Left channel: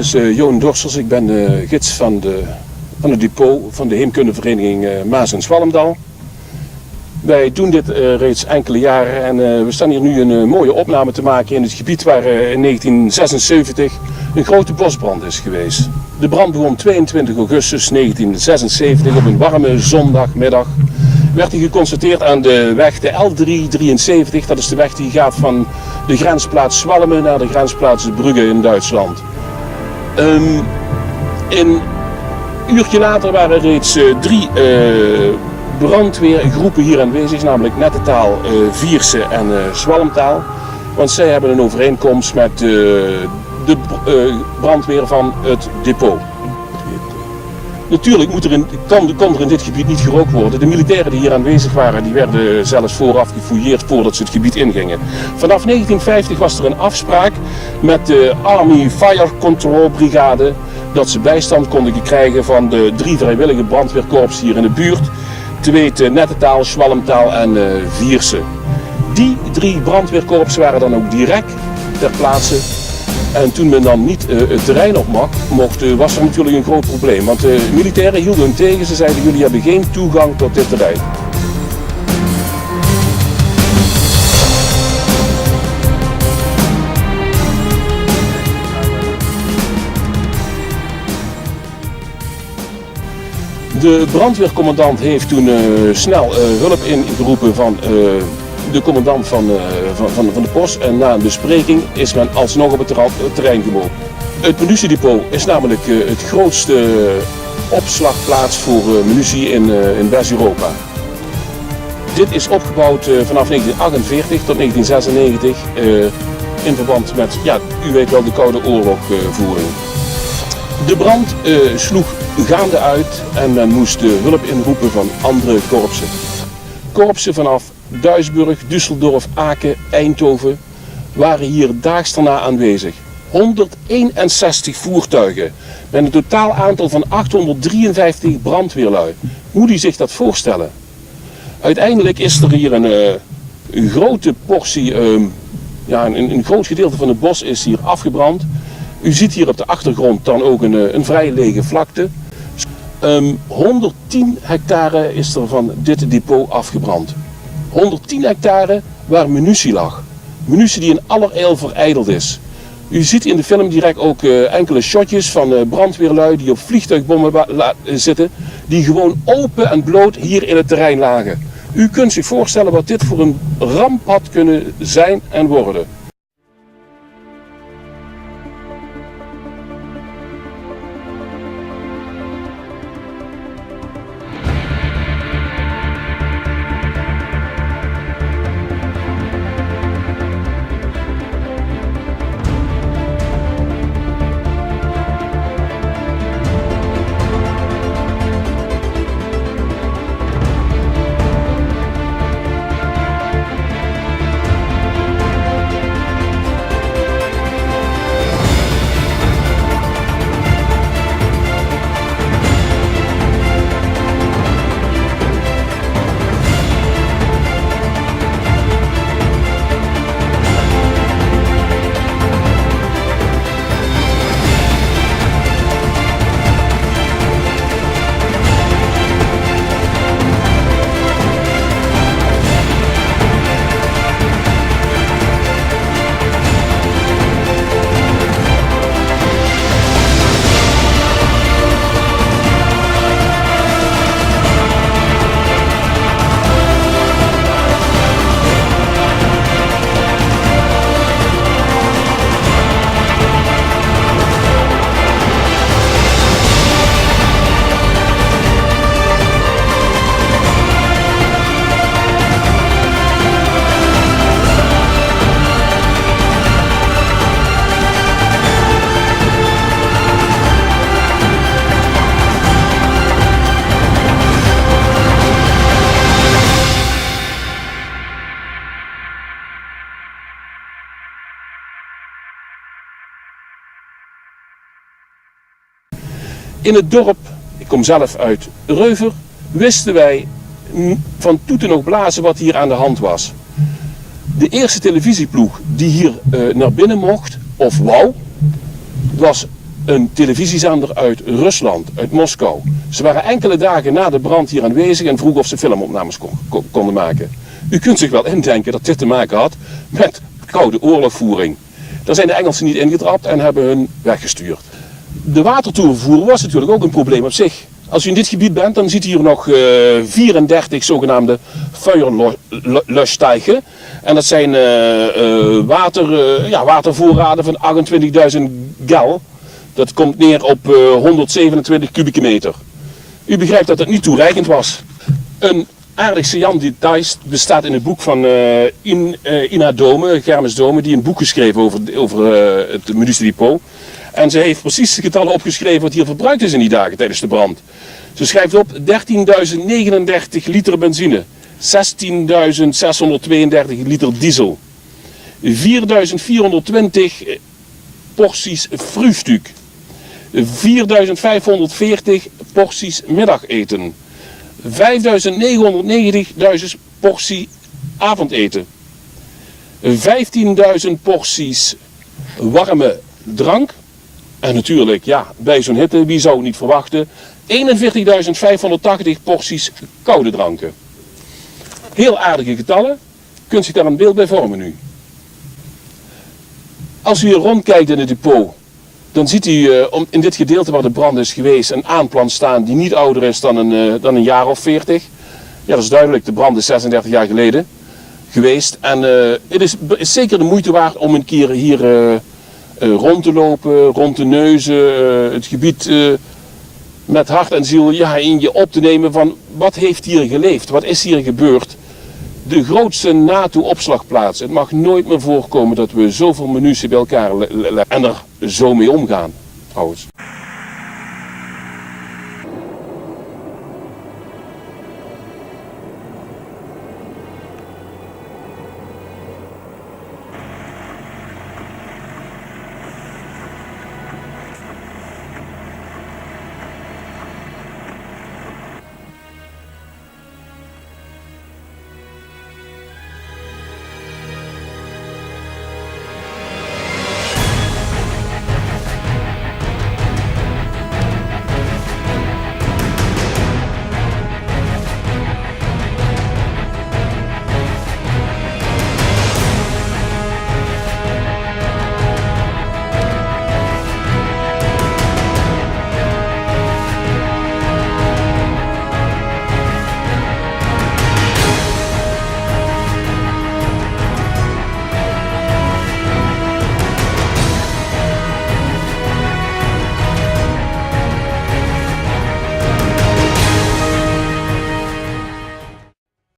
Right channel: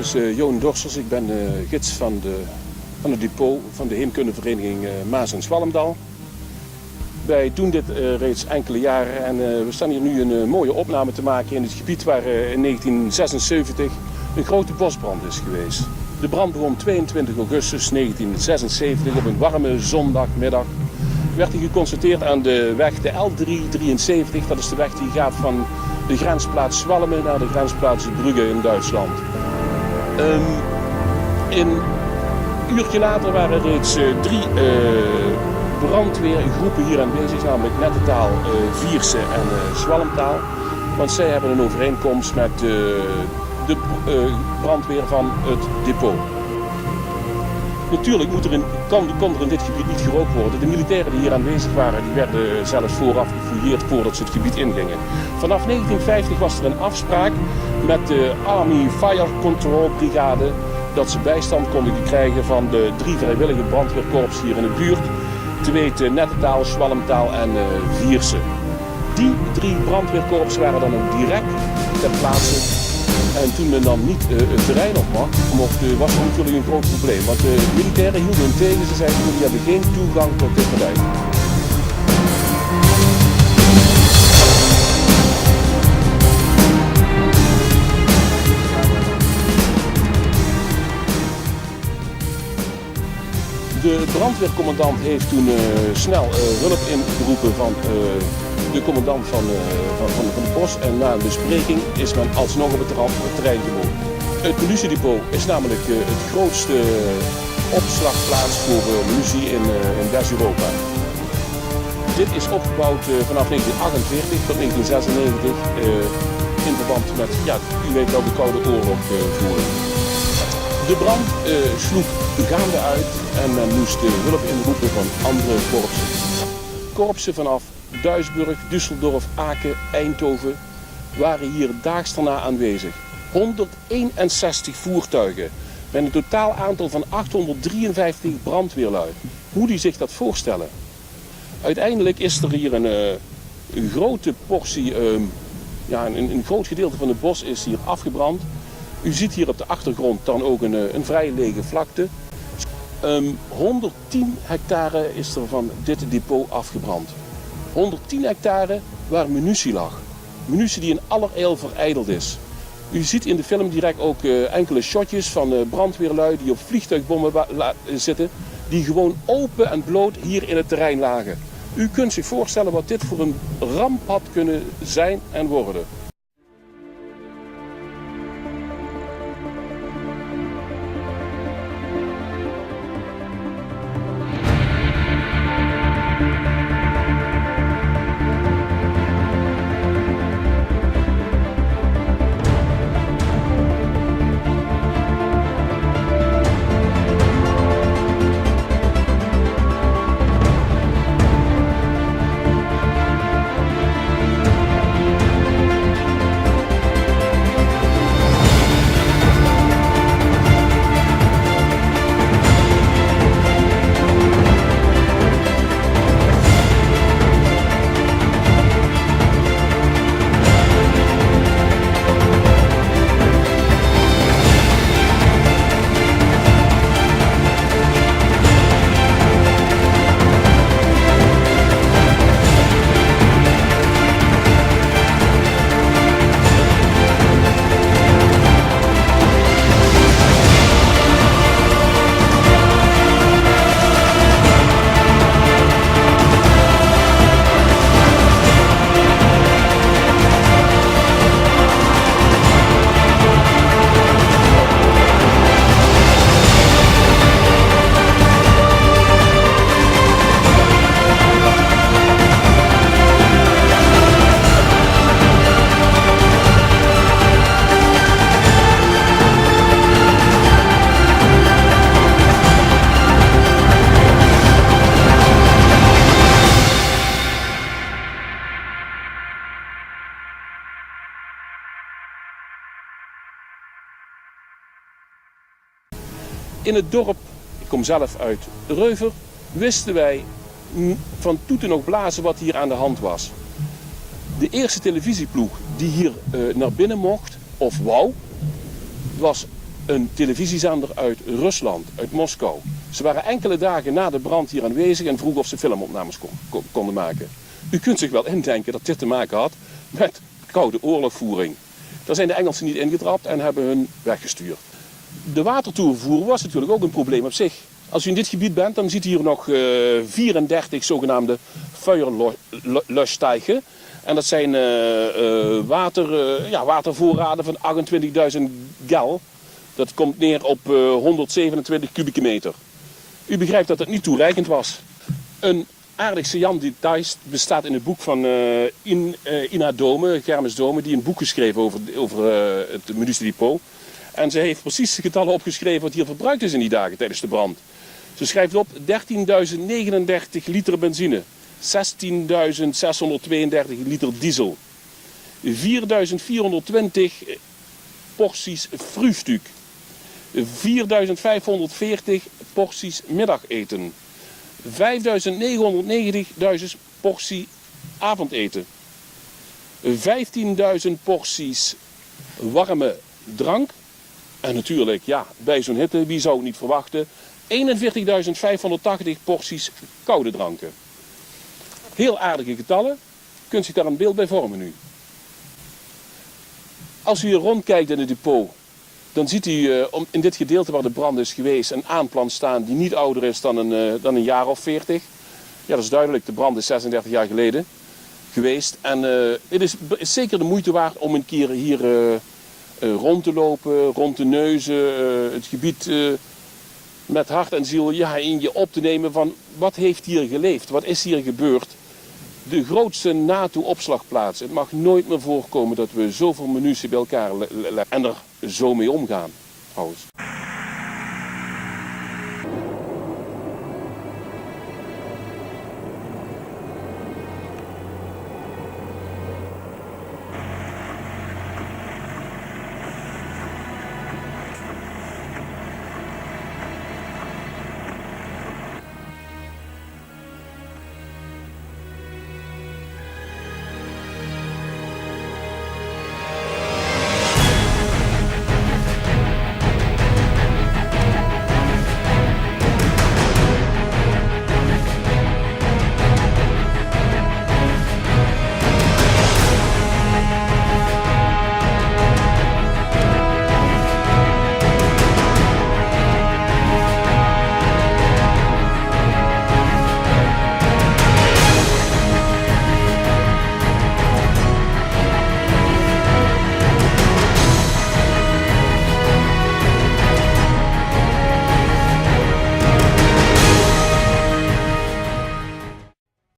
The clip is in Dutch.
is Johan Dorsters. Ik ben gids van het depot van de heemkundevereniging Maas en Zwalmdal. Wij doen dit reeds enkele jaren en we staan hier nu een mooie opname te maken in het gebied waar in 1976 een grote bosbrand is geweest. De brand begon 22 augustus 1976 op een warme zondagmiddag. Werd hij geconstateerd aan de weg de L373, dat is de weg die gaat van de grensplaats Zwalmen naar de grensplaats Brugge in Duitsland. Een uurtje later waren reeds 3 brandweergroepen hier aanwezig, namelijk Nettetaal, Vierse en Zwalmtaal. Want zij hebben een overeenkomst met de brandweer van het depot. Natuurlijk kon er in dit gebied niet gerookt worden. De militairen die hier aanwezig waren, die werden zelfs vooraf gefouilleerd voordat ze het gebied ingingen. Vanaf 1950 was er een afspraak met de Army Fire Control Brigade dat ze bijstand konden krijgen van de 3 vrijwillige brandweerkorps hier in de buurt. Te weten Nettetaal, Zwalmtaal en Vierse. Die 3 brandweerkorps waren dan ook direct ter plaatse. En toen men dan niet het terrein op mocht, was er natuurlijk een groot probleem. Want de militairen hielden hem tegen, ze zeiden jullie hebben geen toegang tot dit terrein. De brandweercommandant heeft toen snel hulp ingeroepen van de commandant van de post en na een bespreking is men alsnog op het terrein gekomen. Het munitiedepot is namelijk het grootste opslagplaats voor munitie in West-Europa. Dit is opgebouwd vanaf 1948 tot 1996 in verband met, ja, u weet wel, de Koude Oorlog voeren. De brand sloeg gaande uit en men moest hulp inroepen van andere korpsen. Korpsen vanaf Duisburg, Düsseldorf, Aken, Eindhoven waren hier daags daarna aanwezig. 161 voertuigen met een totaal aantal van 853 brandweerlui. Hoe die zich dat voorstellen? Uiteindelijk is er hier een grote portie, een groot gedeelte van het bos is hier afgebrand. U ziet hier op de achtergrond dan ook een vrij lege vlakte. 110 hectare is er van dit depot afgebrand. 110 hectare waar munitie lag. Munitie die in allerijl verijdeld is. U ziet in de film direct ook enkele shotjes van brandweerlui die op vliegtuigbommen zitten. Die gewoon open en bloot hier in het terrein lagen. U kunt zich voorstellen wat dit voor een ramp had kunnen zijn en worden. In het dorp, ik kom zelf uit Reuver, wisten wij van toeten nog blazen wat hier aan de hand was. De eerste televisieploeg die hier naar binnen mocht, of wou, was een televisiezender uit Rusland, uit Moskou. Ze waren enkele dagen na de brand hier aanwezig en vroegen of ze filmopnames konden maken. U kunt zich wel indenken dat dit te maken had met koude oorlogvoering. Daar zijn de Engelsen niet ingetrapt en hebben hun weggestuurd. De watertoevoer was natuurlijk ook een probleem op zich. Als u in dit gebied bent, dan ziet u hier nog 34 zogenaamde Feuerlöschteichen. En dat zijn watervoorraden van 28.000 gal. Dat komt neer op 127 kubieke meter. U begrijpt dat het niet toereikend was. Een aardig saillant detail bestaat in het boek van Ina Dome, Germes Dome, die een boek geschreven over het munitiedepot. En ze heeft precies de getallen opgeschreven wat hier verbruikt is in die dagen tijdens de brand. Ze schrijft op 13.039 liter benzine, 16.632 liter diesel, 4.420 porties frühstück, 4.540 porties middageten, 5.990 porties avondeten, 15.000 porties warme drank. En natuurlijk, ja, bij zo'n hitte, wie zou het niet verwachten, 41.580 porties koude dranken. Heel aardige getallen, kunt zich daar een beeld bij vormen nu. Als u hier rondkijkt in het depot, dan ziet u in dit gedeelte waar de brand is geweest een aanplant staan die niet ouder is dan een jaar of 40. Ja, dat is duidelijk, de brand is 36 jaar geleden geweest. En het is zeker de moeite waard om een keer hier rond te lopen, rond te neuzen, het gebied met hart en ziel in je op te nemen van wat heeft hier geleefd, wat is hier gebeurd. De grootste NATO-opslagplaats. Het mag nooit meer voorkomen dat we zoveel munitie bij elkaar leggen en er zo mee omgaan, trouwens.